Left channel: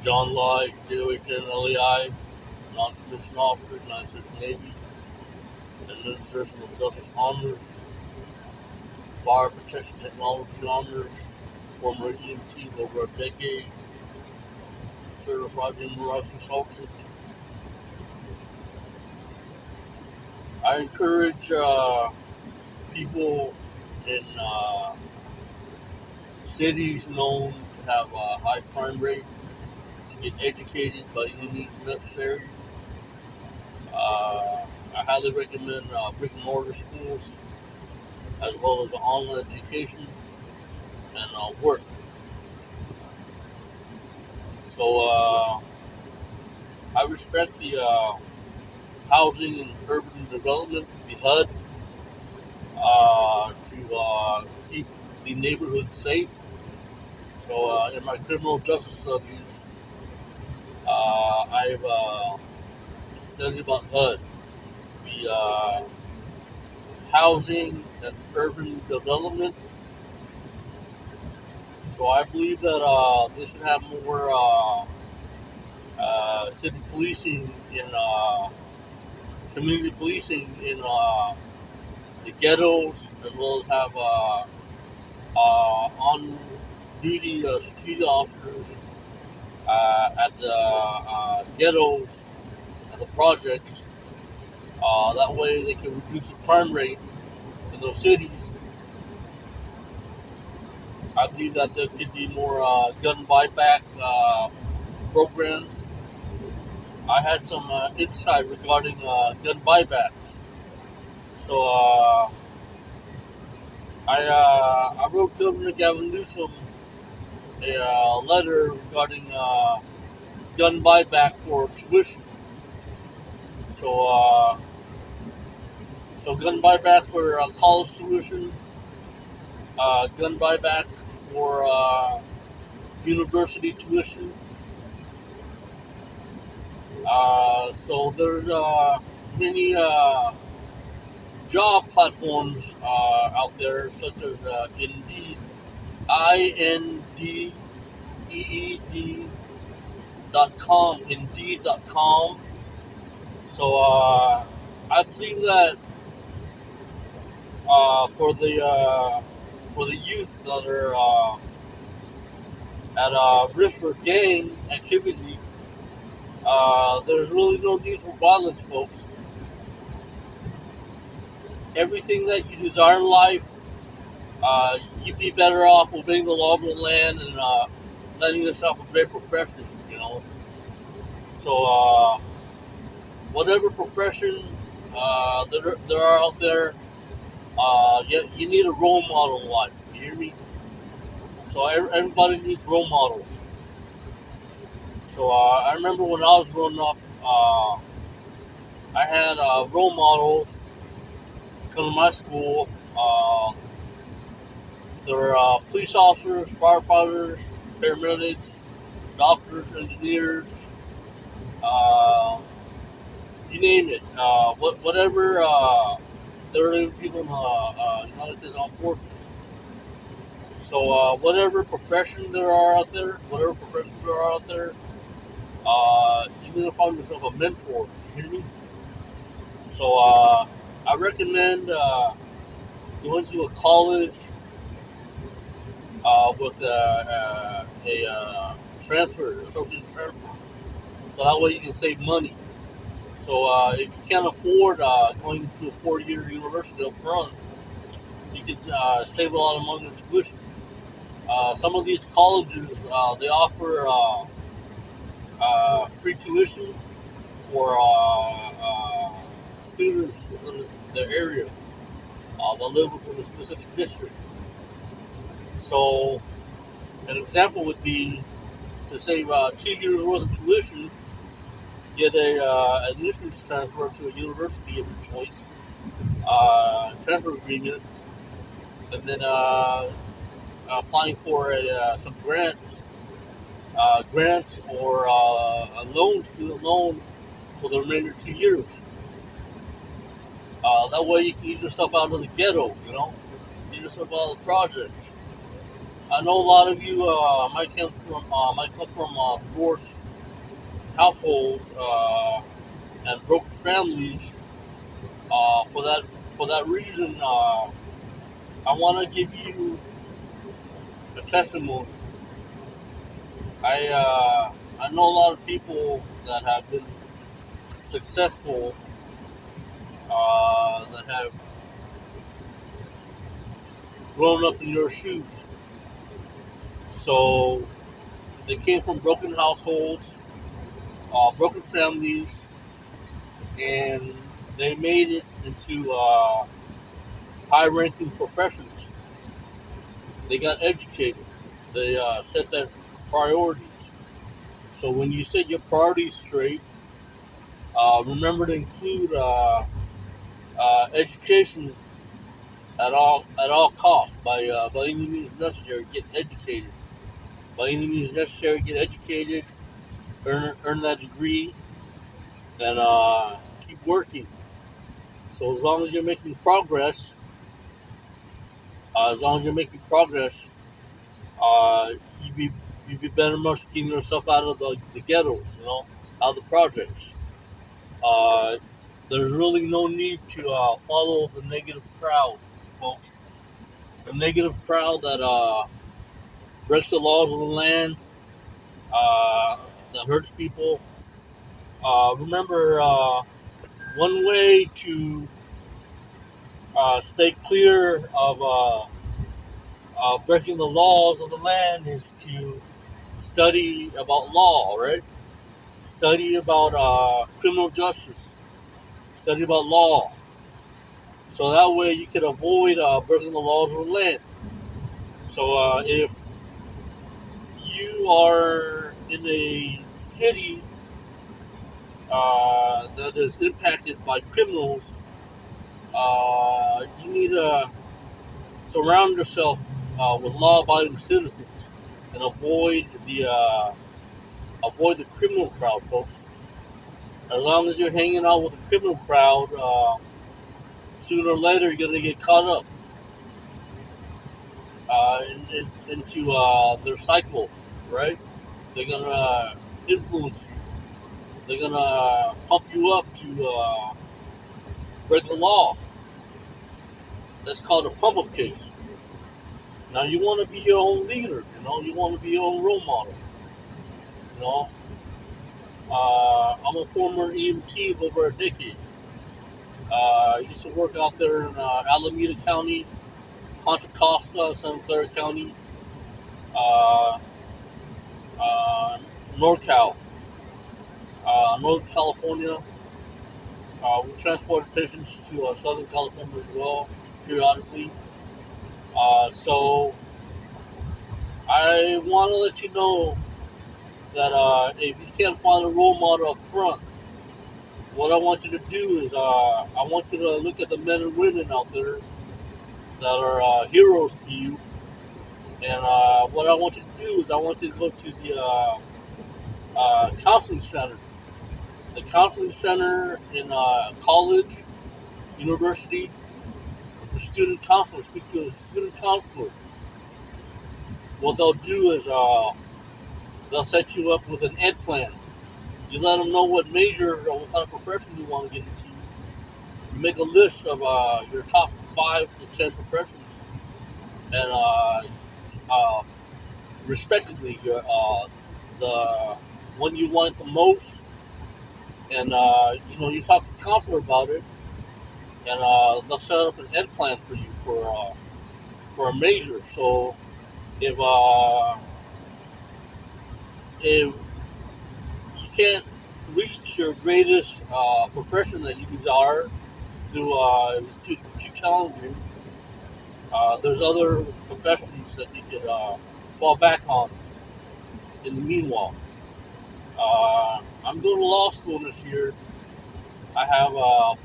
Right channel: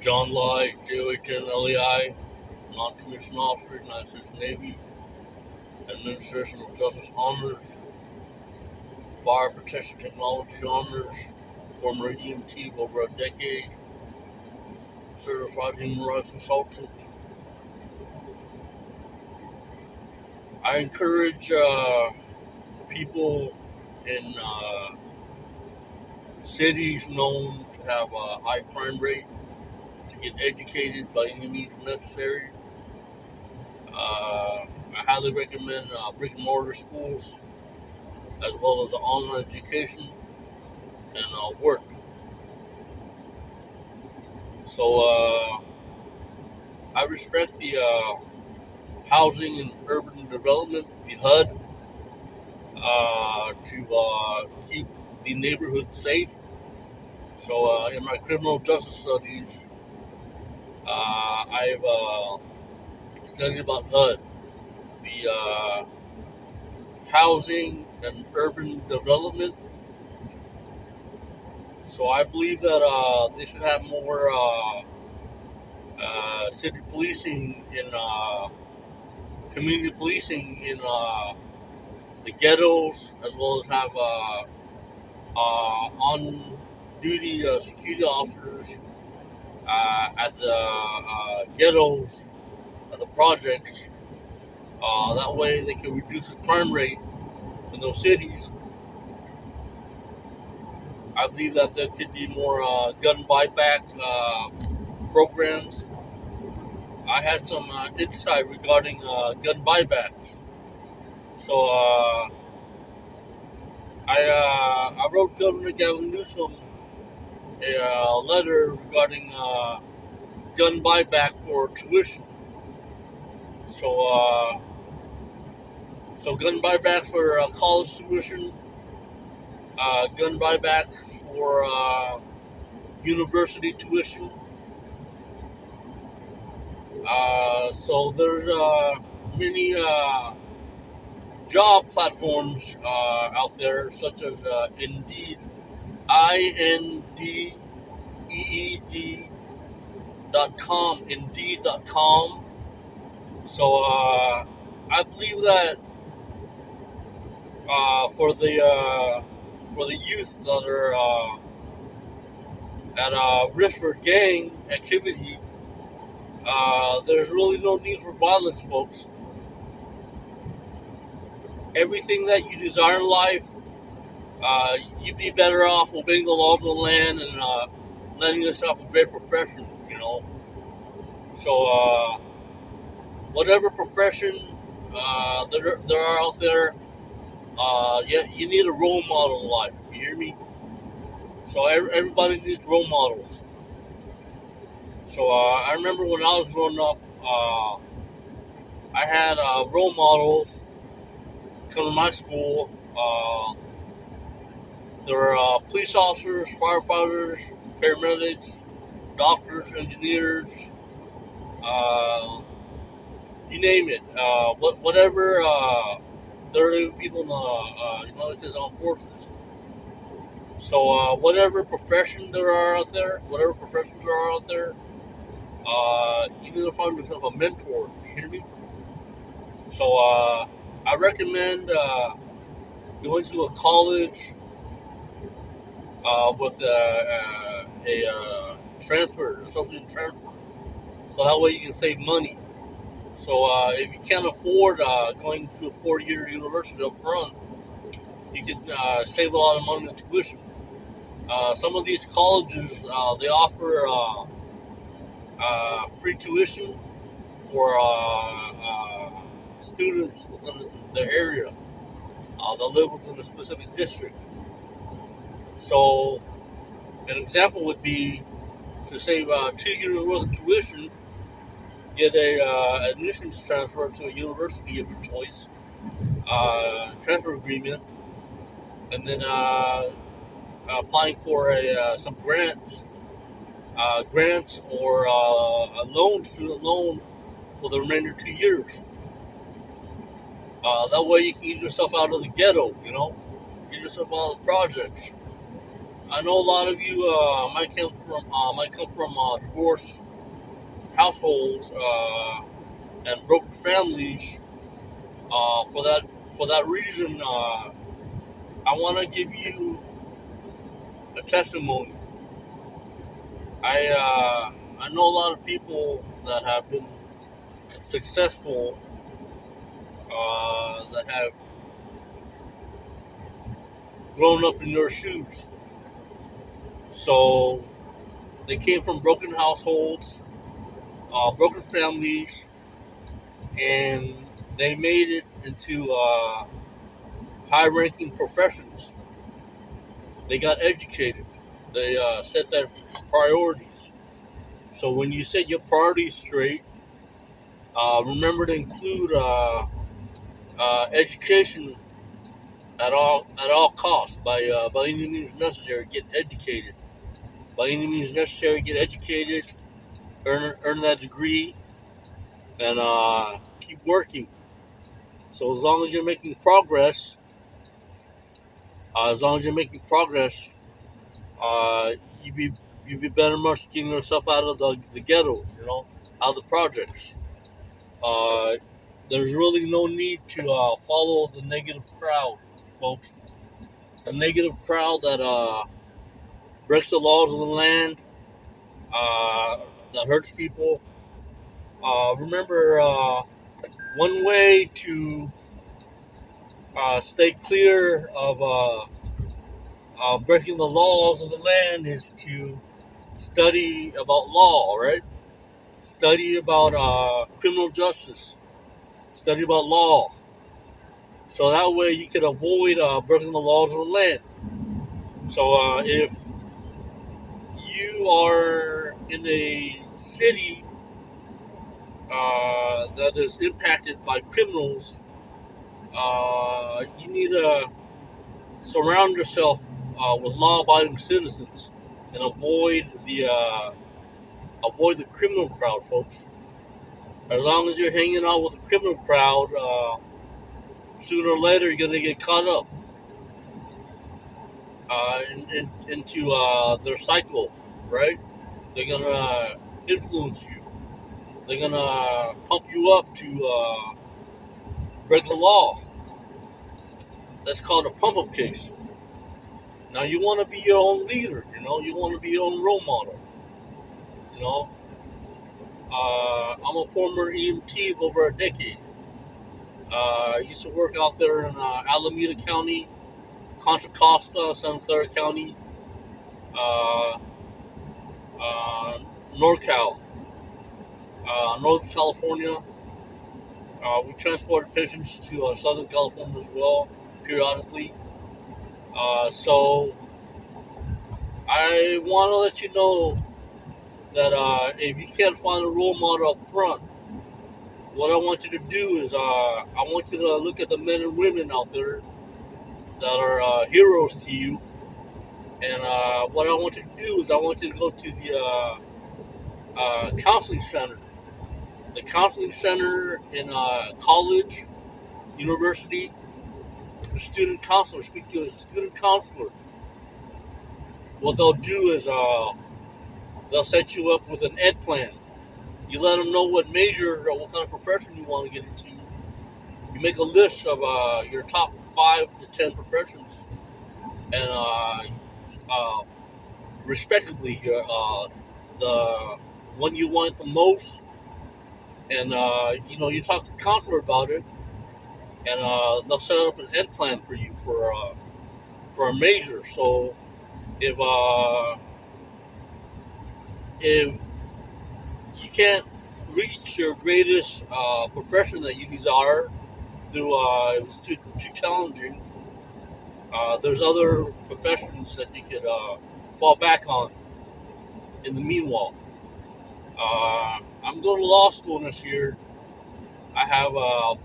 John Light, JOHN non-commissioned officer, United States Navy, Administration of Justice Honors, Fire Protection Technology Honors, former EMT of over a decade, certified human rights consultant. I encourage people in cities known to have a high crime rate to get educated by any means necessary. I highly recommend brick and mortar schools as well as online education and work. So I respect the Housing and Urban Development, the HUD, to keep the neighborhood safe. So in my criminal justice studies, I've studied about HUD, the Housing and Urban Development. So I believe that they should have more city policing in community policing in the ghettos, as well as have on duty security officers at the ghettos, at the projects. That way they can reduce the crime rate in those cities. I believe that there could be more gun buyback programs. I had some insight regarding gun buybacks. So I wrote Governor Gavin Newsom a letter regarding gun buyback for tuition. So gun buyback for college tuition, gun buyback for university tuition. So there's many job platforms out there, such as Indeed, INDEED.com, Indeed.com. So I believe that for the youth that are at risk for gang activity, there's really no need for violence, folks. Everything that you desire in life, you'd be better off obeying the law of the land and letting yourself a great profession, you know. So, whatever profession there are out there, you need a role model in life. You hear me? So, everybody needs role models. So, I remember when I was growing up, I had role models come to my school. There were police officers, firefighters, paramedics, doctors, engineers, uh, you name it. Whatever. There are people in the United States Armed Forces. So whatever profession there are out there, whatever professions there are out there, you need to find yourself a mentor. You hear me? So I recommend going to a college with a transfer, associate transfer. So that way you can save money. So if you can't afford going to a 4-year university up front, you can save a lot of money in tuition. Some of these colleges they offer free tuition for students within their area that live within a specific district. So an example would be to save 2 years worth of tuition, get a admissions transfer to a university of your choice, transfer agreement, and then applying for some grants or a loan, student loan, for the remainder 2 years. That way you can get yourself out of the ghetto, you know, get yourself out of the projects. I know a lot of you might come from divorced households and broken families. For that reason, I want to give you a testimony. I know a lot of people that have been successful, that have grown up in your shoes. So they came from broken households, broken families, and they made it into high-ranking professions. They got educated. They set their priorities. So when you set your priorities straight, remember to include education at all costs by any means necessary. Get educated. By any means necessary, get educated. Earn that degree, and keep working. So as long as you're making progress, as long as you're making progress, uh, you be you be better much getting yourself out of the ghettos, out of the projects. Uh, there's really no need to follow the negative crowd, folks. The negative crowd that breaks the laws of the land, uh, that hurts people. Remember, one way to stay clear of breaking the laws of the land is to study about law, right? Study about criminal justice. Study about law. So that way you can avoid breaking the laws of the land. So if you are in a city that is impacted by criminals, you need to surround yourself with law-abiding citizens and avoid the criminal crowd, folks. As long as you're hanging out with the criminal crowd, sooner or later you're gonna get caught up into their cycle, right? They're gonna influence you. They're gonna pump you up to break the law. That's called a pump-up case. Now you want to be your own leader. You want to be your own role model. You know, I'm a former EMT of over a decade. I used to work out there in Alameda County, Contra Costa, Santa Clara County, uh, uh, NorCal, Northern California. We transported patients to Southern California as well, periodically. So I want to let you know that if you can't find a role model up front, what I want you to do is I want you to look at the men and women out there that are heroes to you. And what I want you to do is I want you to go to the counseling center. The counseling center in college, university, the student counselor, speak to a student counselor. What they'll do is they'll set you up with an ed plan. You let them know what major or what kind of profession you want to get into. You make a list of your top 5 to 10 professions, and uh, respectively, the one you want the most, and you talk to the counselor about it, and they'll set up an ed plan for you for a major. So if if you can't reach your greatest profession that you desire through if it's too challenging, there's other professions that you could fall back on in the meanwhile. I'm going to law school this year. I have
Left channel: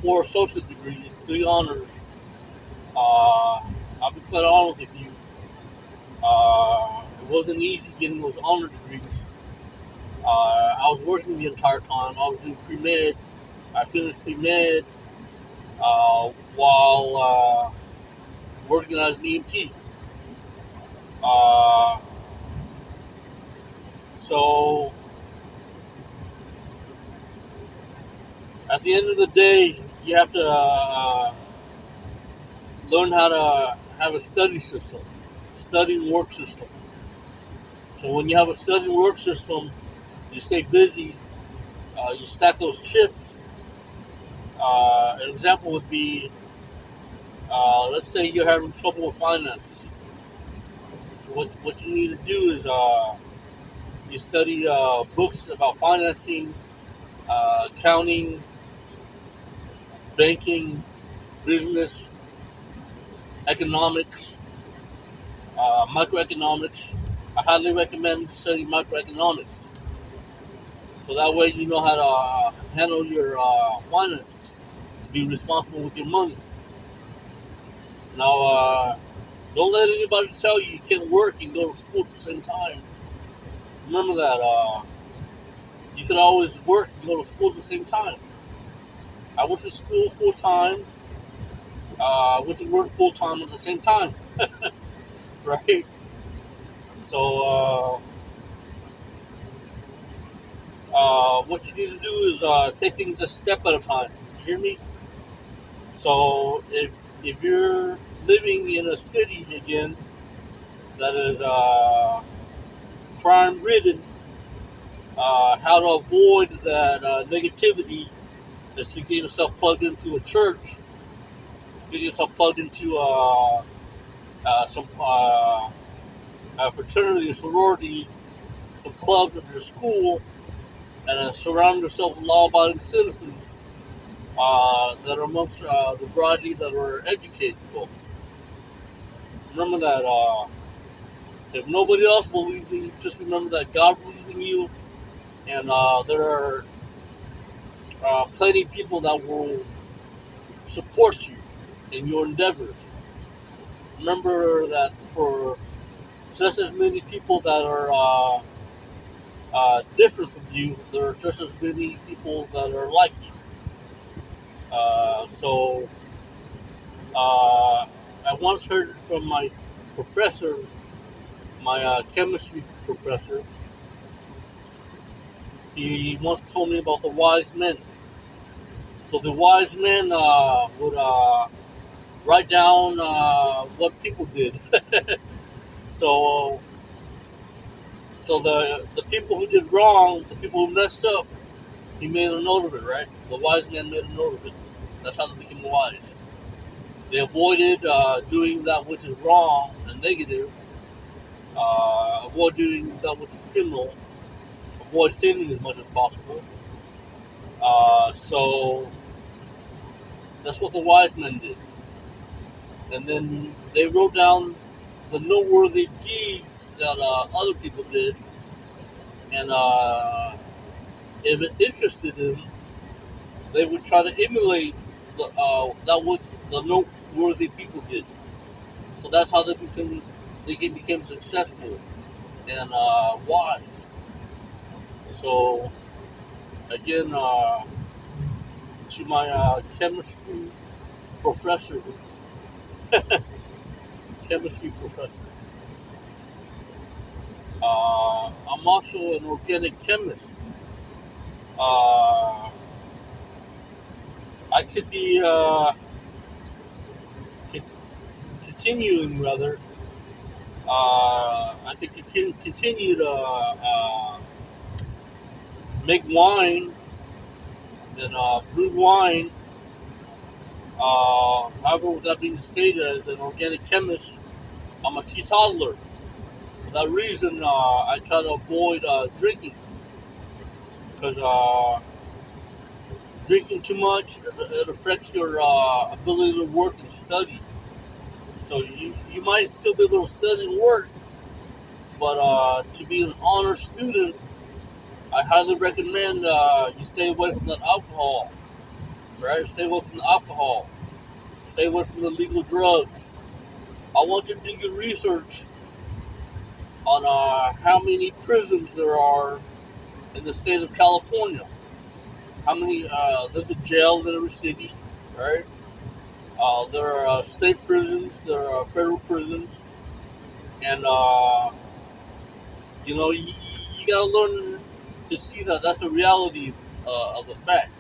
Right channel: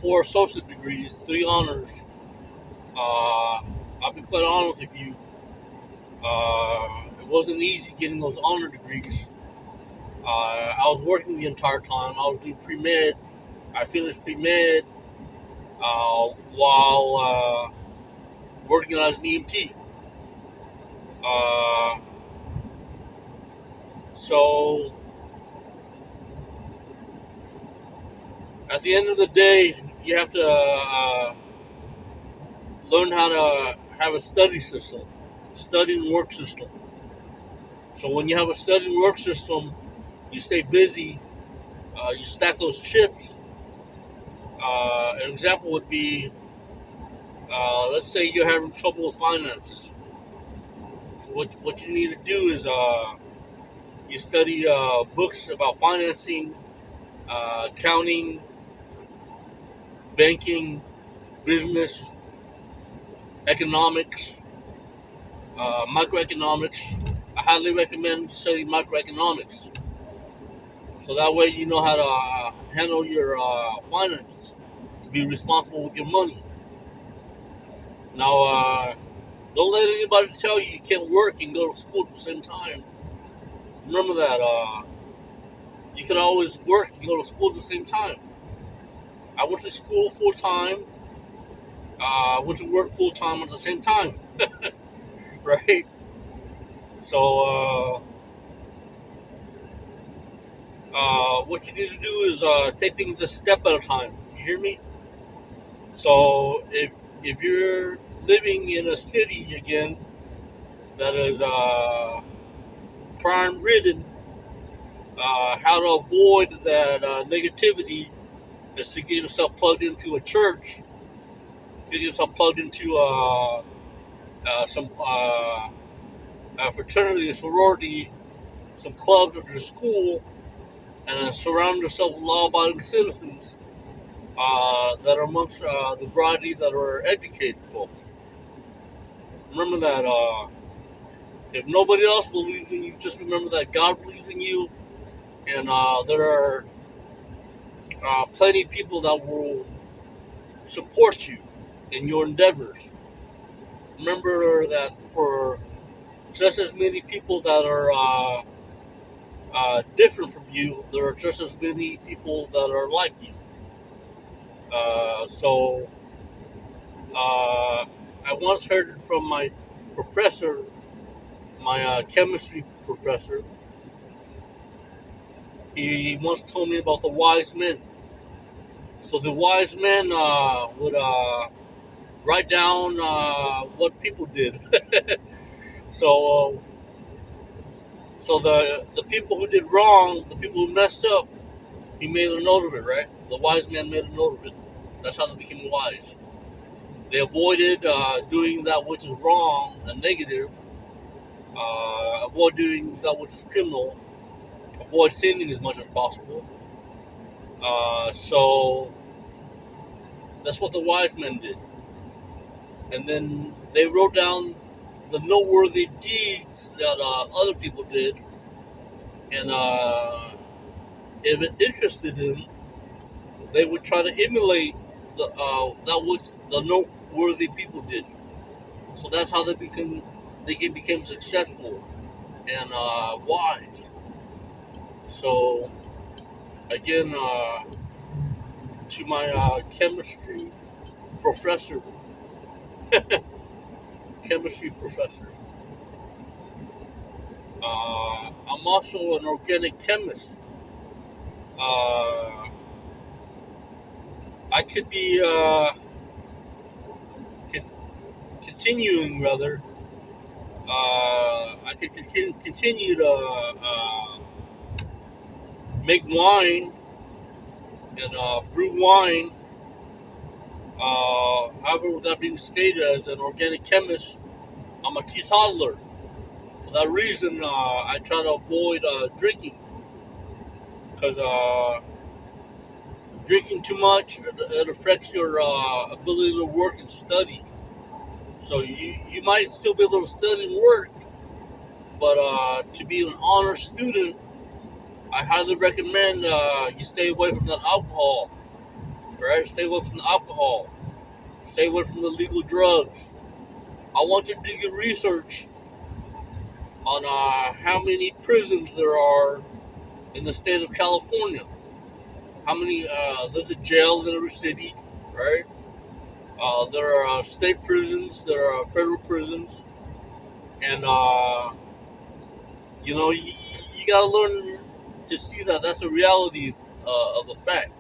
4 associate degrees, 3 honors. I'll be quite honest with you. It wasn't easy getting those honor degrees. I was working the entire time. I was doing pre-med. I finished pre-med while working as an EMT. Uh, so at the end of the day, you have to learn how to have a study system, study and work system. So when you have a study and work system, you stay busy, you stack those chips. An example would be, let's say you're having trouble with finances. So what you need to do is you study books about financing, accounting, banking, business, economics, microeconomics. I highly recommend studying microeconomics. So that way you know how to handle your finances, to be responsible with your money. Now, don't let anybody tell you you can't work and go to school at the same time. Remember that you can always work and go to school at the same time. I went to school full time. I went to work full time at the same time, right? So what you need to do is take things a step at a time. You hear me? So if you're living in a city again that is crime ridden, how to avoid that negativity is to get yourself plugged into a church, get yourself plugged into some fraternity, a sorority, some clubs at your school, and surround yourself with law-abiding citizens that are amongst the variety that are educated folks. Remember that if nobody else believes in you, just remember that God believes in you, and there are plenty of people that will support you in your endeavors. Remember that for just as many people that are different from you, there are just as many people that are like you. So I once heard from my professor, my chemistry professor. He once told me about the wise men. So the wise men would write down what people did. so so the people who did wrong, the people who messed up, he made a note of it, right? The wise man made a note of it. That's how they became wise. They avoided doing that which is wrong and negative, avoid doing that which is criminal, avoid sinning as much as possible. So that's what the wise men did. And then they wrote down the noteworthy deeds that other people did, and if it interested them, they would try to emulate that what the noteworthy people did. So that's how they became successful and wise. So again, to my chemistry professor, chemistry professor. I'm also an organic chemist. Uh, I could be con- continuing rather. I could continue to make wine and brew wine. However, with that being stated, as an organic chemist, I'm a teetotaler. For that reason, I try to avoid drinking because drinking too much it affects your ability to work and study. So you might still be able to study and work, but to be an honor student, I highly recommend you stay away from that alcohol. Right? Stay away from the alcohol. Stay away from the legal drugs. I want you to do your research on how many prisons there are in the state of California. How many? There's a jail in every city, right? There are state prisons. There are federal prisons, and you gotta learn to see that that's the reality of the fact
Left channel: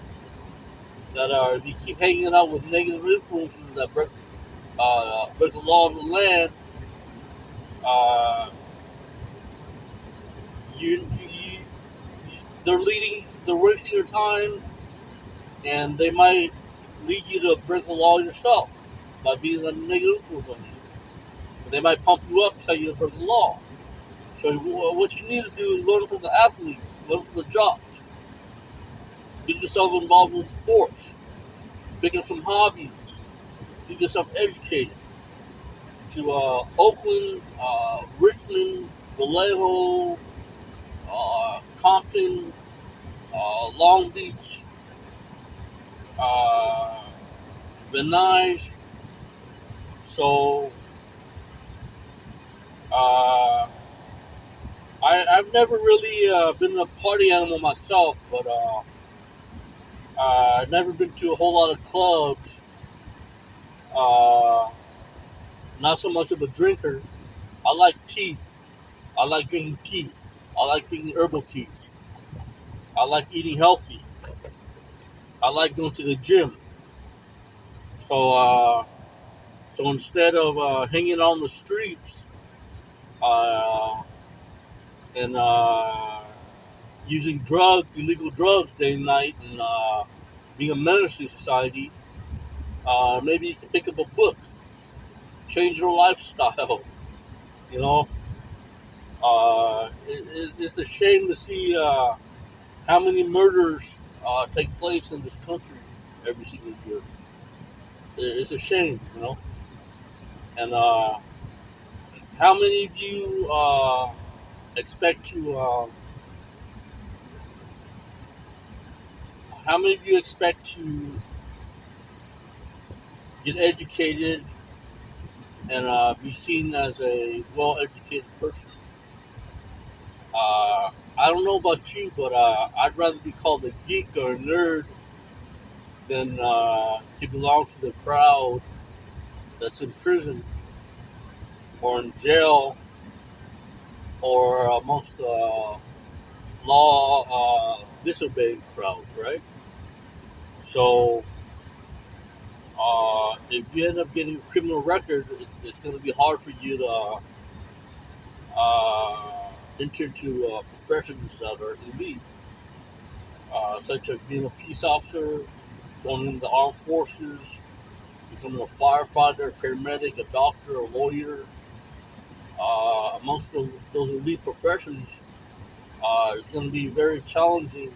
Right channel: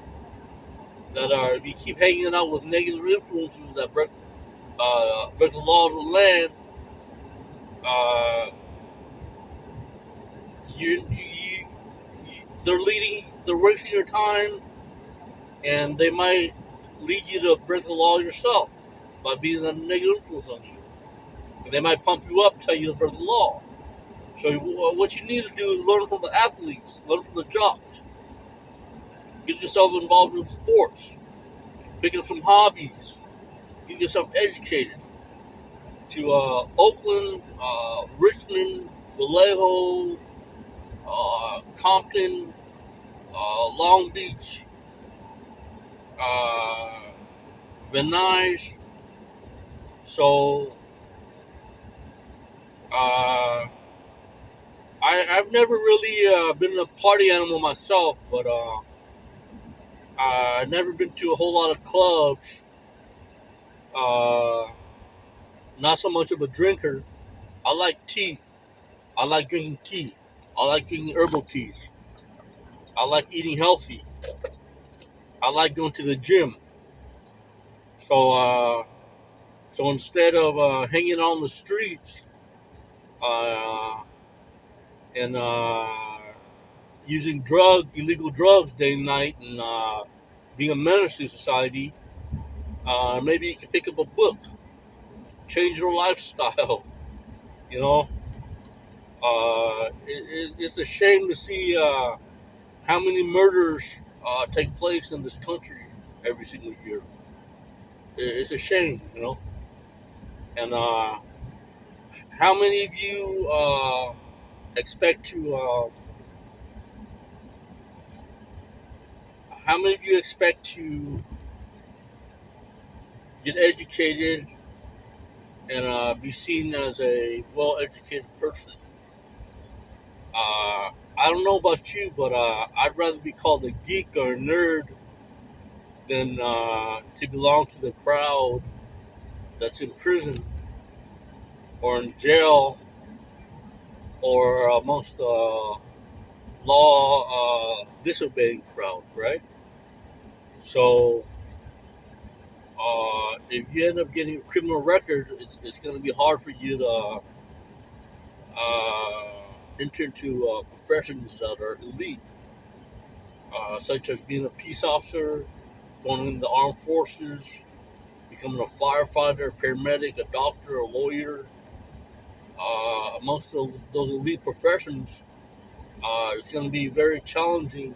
that if you keep hanging out with negative influences that break the laws of the land, uh, they're wasting your time, and they might lead you to break the law yourself by being a negative influence on you. And they might pump you up, tell you to break the law. So what you need to do is learn from the athletes, learn from the jocks, get yourself involved in sports, pick up some hobbies, get yourself educated. To Oakland, Richmond, Vallejo, Compton, Long Beach, uh, Venice. So uh, I've never really been a party animal myself, but I've never been to a whole lot of clubs. Uh, Not so much of a drinker. I like tea. I like drinking tea. I like drinking herbal teas. I like eating healthy. I like going to the gym. So so instead of hanging on the streets uh, and using illegal drugs day and night, and being a menace to society, maybe you can pick up a book, change your lifestyle. You know, it's a shame to see how many murders take place in this country every single year. It's a shame, And how many of you expect to? How many of you expect to get educated and be seen as a well-educated person? I don't know about you, but I'd rather be called a geek or a nerd than to belong to the crowd that's in prison or in jail or amongst the law disobeying crowd, right? So if you end up getting a criminal record, it's going to be hard for you to enter into professions that are elite, such as being a peace officer, joining the armed forces, becoming a firefighter, a paramedic, a doctor, a lawyer. Amongst those elite professions, it's going to be very challenging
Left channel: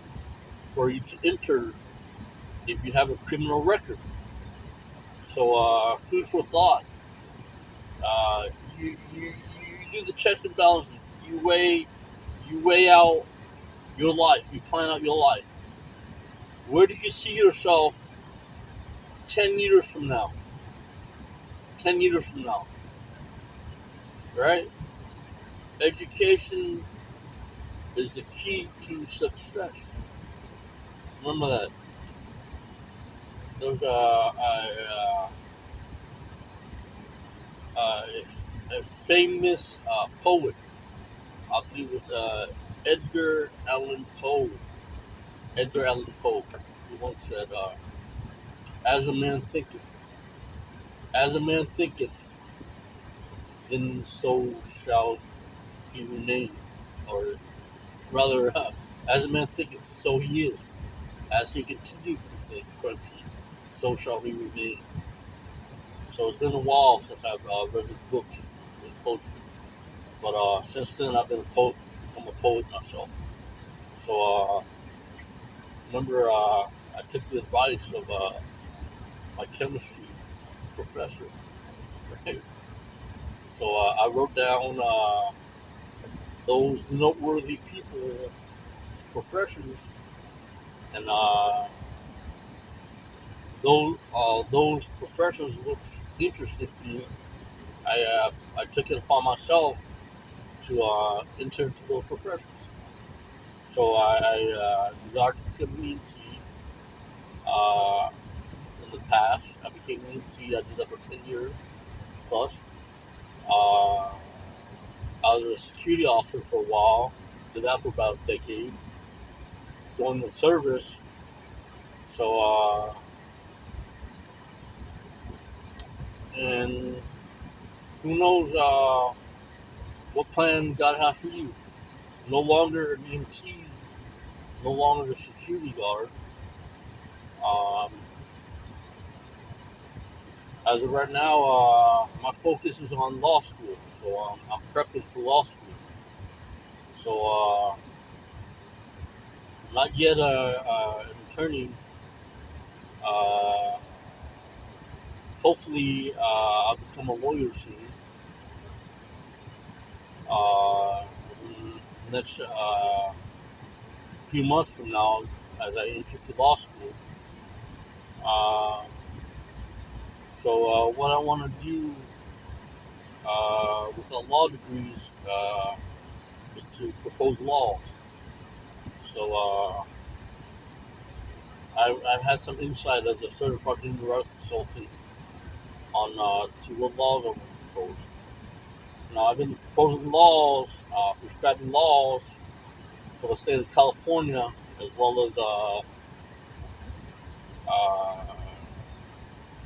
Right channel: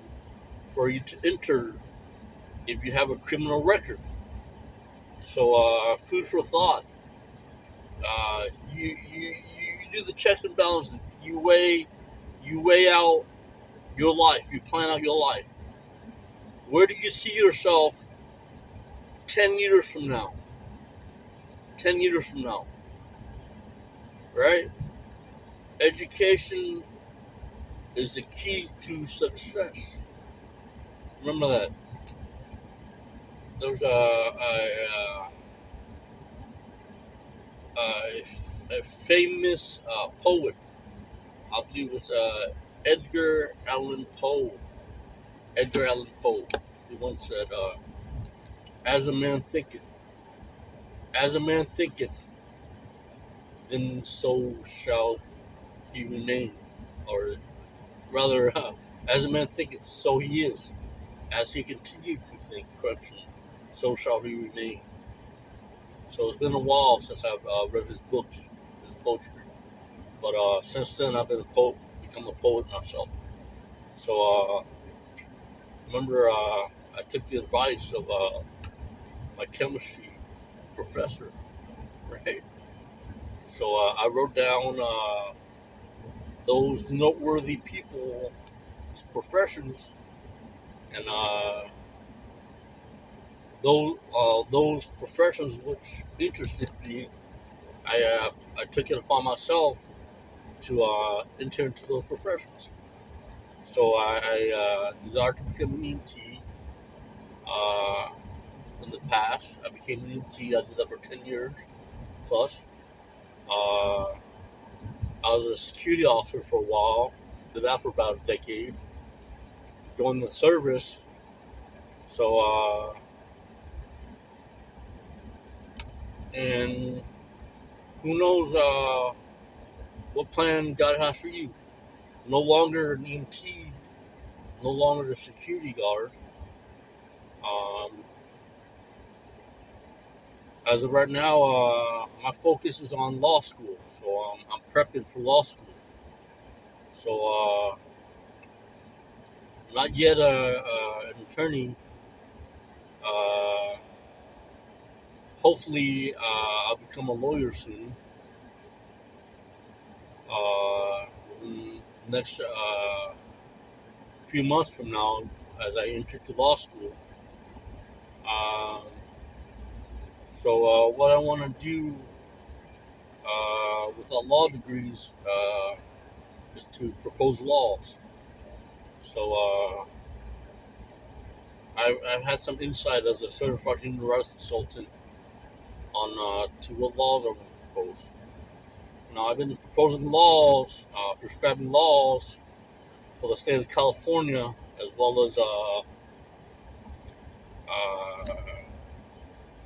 for you to enter if you have a criminal record. So, food for thought. Uh, you do the checks and balances. You weigh out your life. You plan out your life. Where do you see yourself 10 years from now? 10 years from now, right? Education is the key to success. Remember that. There's a, a famous poet. I believe it's Edgar Allan Poe. Edgar Allan Poe. He once said, "As a man thinketh, as a man thinketh, then so shall he remain." Or rather, as a man thinketh, so he is. As he continued to think corruption, so shall he remain. So it's been a while since I've read his books, his poetry. But since then, I've been a poet, become a poet myself. So remember, I took the advice of my chemistry professor, right? So I wrote down those noteworthy people's professions, and those professions which interested me. I took it upon myself to enter into those professions. So I desired to become an EMT. Uh, in the past, I became an EMT. I did that for 10 years plus. Uh, I was a security officer for a while. Did that for about a decade. Joined the service. So, and who knows what plan God has for you. No longer an EMT, no longer a security guard. Um, as of right now, my focus is on law school. So I'm prepping for law school. So not yet an attorney. Uh, hopefully, I'll become a lawyer soon. In the next few months from now, as I enter to law school. Um, so what I want to do with our law degrees is to propose laws. So I've had some insight as a certified human rights consultant on to what laws I want to propose. Now I've been proposing laws, prescribing laws for the state of California, as well as uh,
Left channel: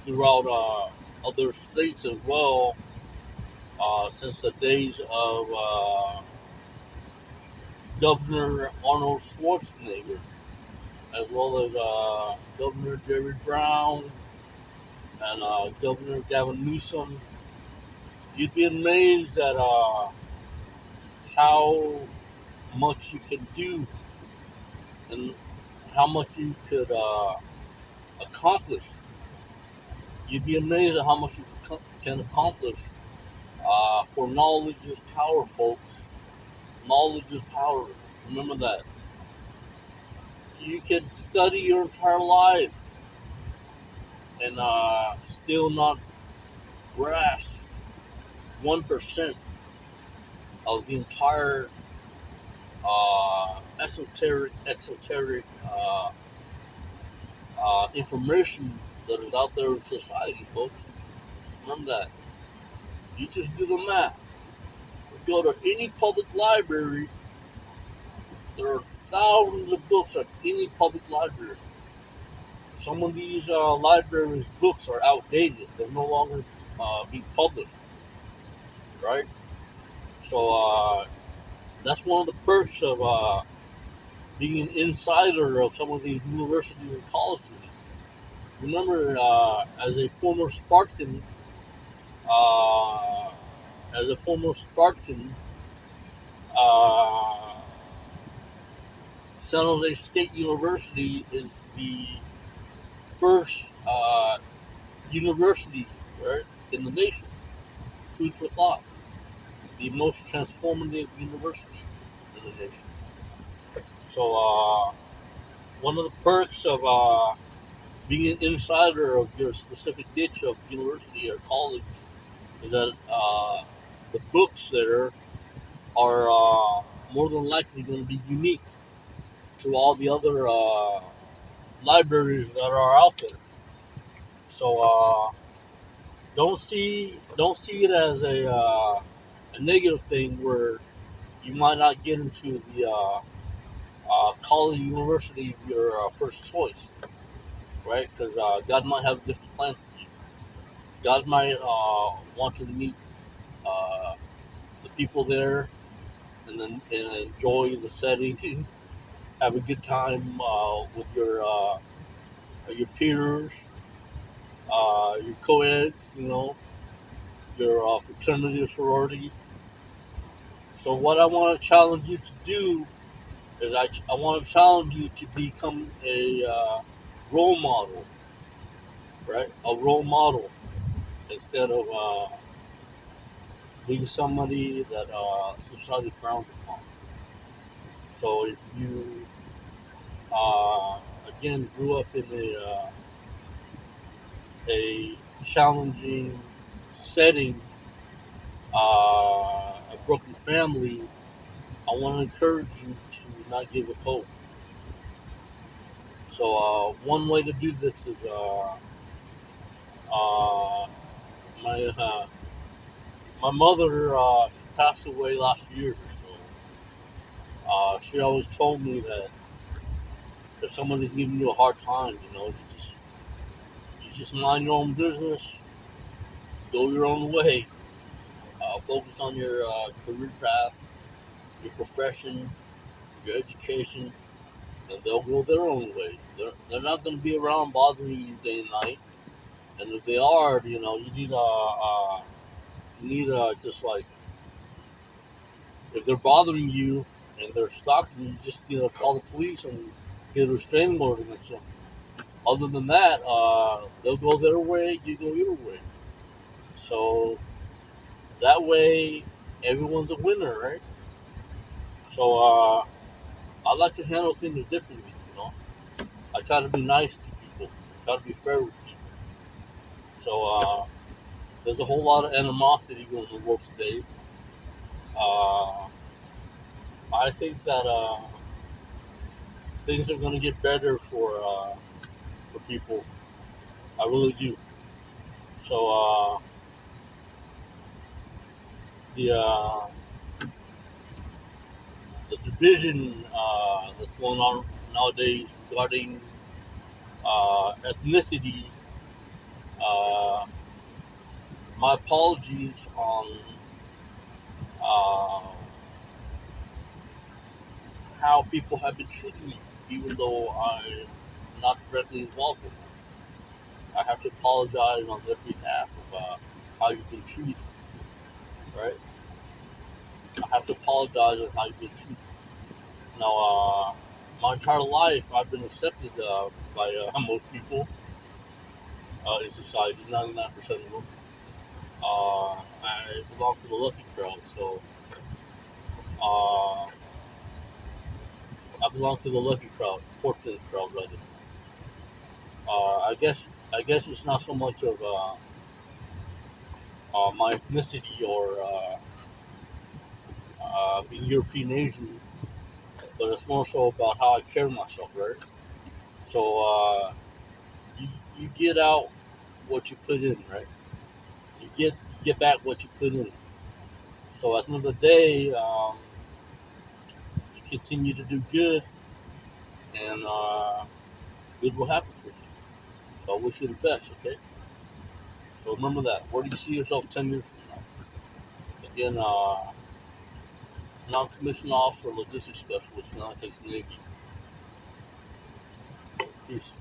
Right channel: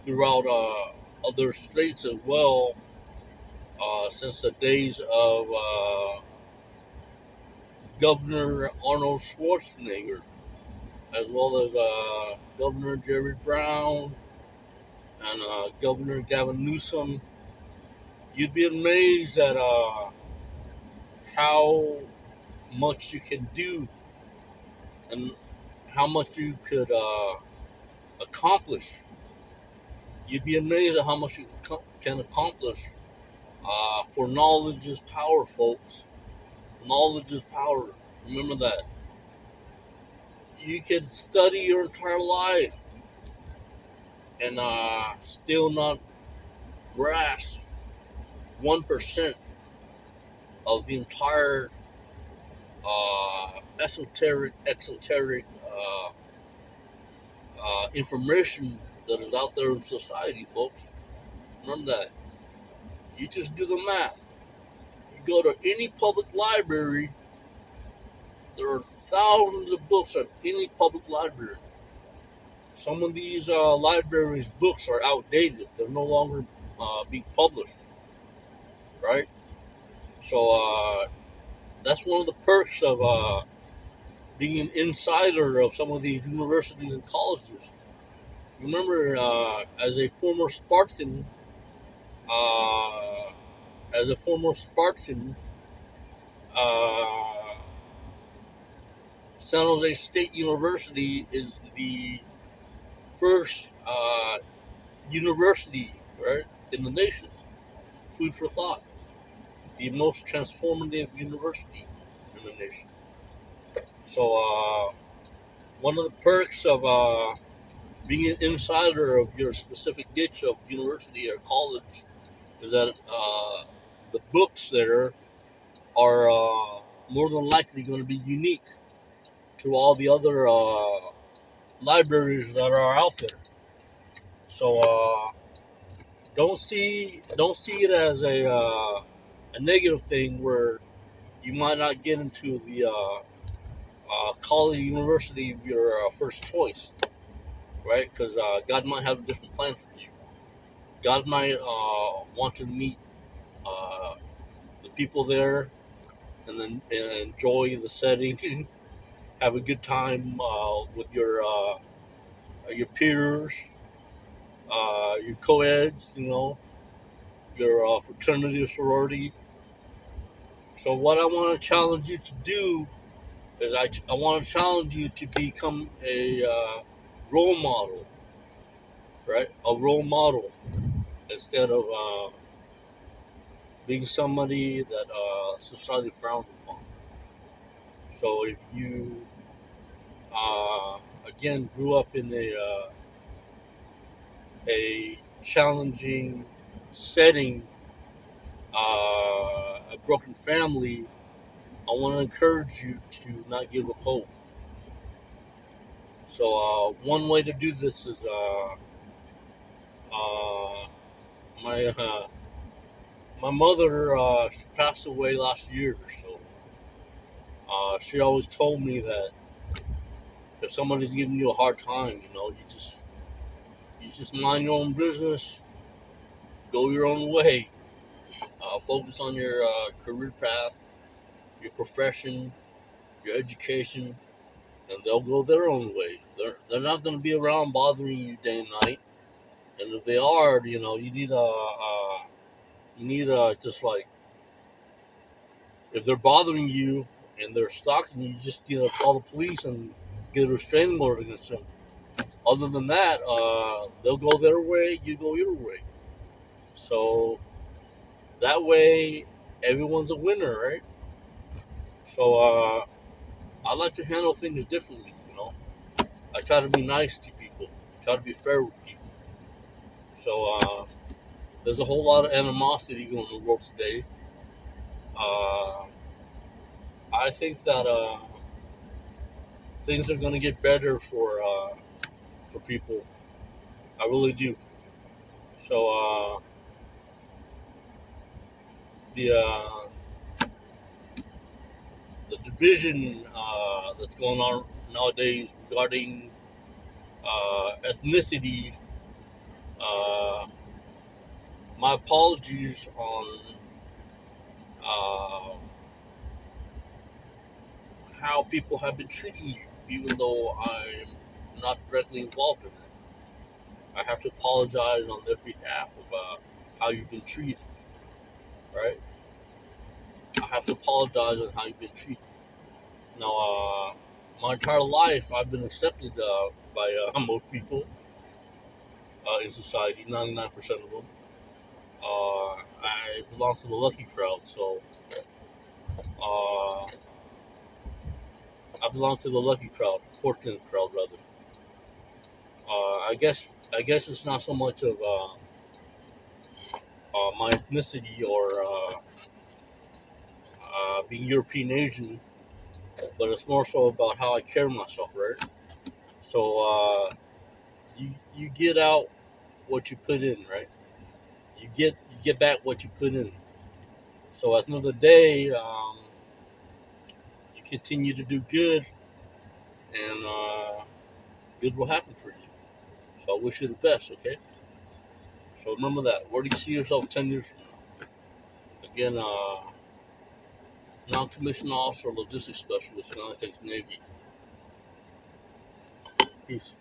throughout other states as well, since the days of Governor Arnold Schwarzenegger, as well as Governor Jerry Brown and Governor Gavin Newsom. You'd be amazed at how much you can do and how much you could accomplish. You'd be amazed at how much you can accomplish. For knowledge is power, folks. Knowledge is power. Remember that. You could study your entire life and still not grasp 1% of the entire exoteric information that is out there in society, folks. Remember that. You just do the math. You go to any public library, there are thousands of books at any public library. Some of these libraries' books are outdated. They're no longer being published, right? So that's one of the perks of being an insider of some of these universities and colleges. Remember, as a former Spartan, uh, as a former Spartan, uh, San Jose State University is the first university, right, in the nation. Food for thought. The most transformative university in the nation. So, one of the perks of being an insider of your specific niche of university or college is that the books there are more than likely going to be unique to all the other libraries that are out there. So don't see it as a negative thing where you might not get into the college university of your first choice, right? Because God might have a different plan for you. God might want you to meet uh, the people there and then and enjoy the setting, have a good time with your peers, your co-eds, your fraternity or sorority. So what I want to challenge you to do is I want to challenge you to become a role model, right? A role model instead of being somebody that society frowns upon. So if you again grew up in a challenging setting, a broken family, I want to encourage you to not give up hope. So one way to do this is uh, my my mother, she passed away last year, so she always told me that if somebody's giving you a hard time, you just mind your own business, go your own way, focus on your career path, your profession, your education, and they'll go their own way. They're not going to be around bothering you day and night. And if they are, you need just like if they're bothering you and they're stalking you, just call the police and get a restraining order against them. Other than that, they'll go their way, you go your way. So that way, everyone's a winner, right? So I like to handle things differently. I try to be nice to people, try to be fair with people. So there's a whole lot of animosity going in the world today. Uh, I think that things are going to get better for people. I really do. So the uh, the division that's going on nowadays regarding ethnicity. Uh, my apologies on uh, how people have been treating you, even though I'm not directly involved in it. I have to apologize on their behalf of how you've been treated. Right? I have to apologize on how you've been treated. Now, my entire life, I've been accepted by most people in society. 99% of them. I belong to the lucky crowd, so uh, I belong to the lucky crowd, fortunate crowd rather. I guess it's not so much of my ethnicity or being European Asian, but it's more so about how I carry myself, right? So you get out what you put in, right? You get back what you put in. So at the end of the day, you continue to do good, and good will happen for you. So I wish you the best. Okay. So remember that. Where do you see yourself 10 years from now? Again, non-commissioned officer, logistics specialist, United States Navy. Peace.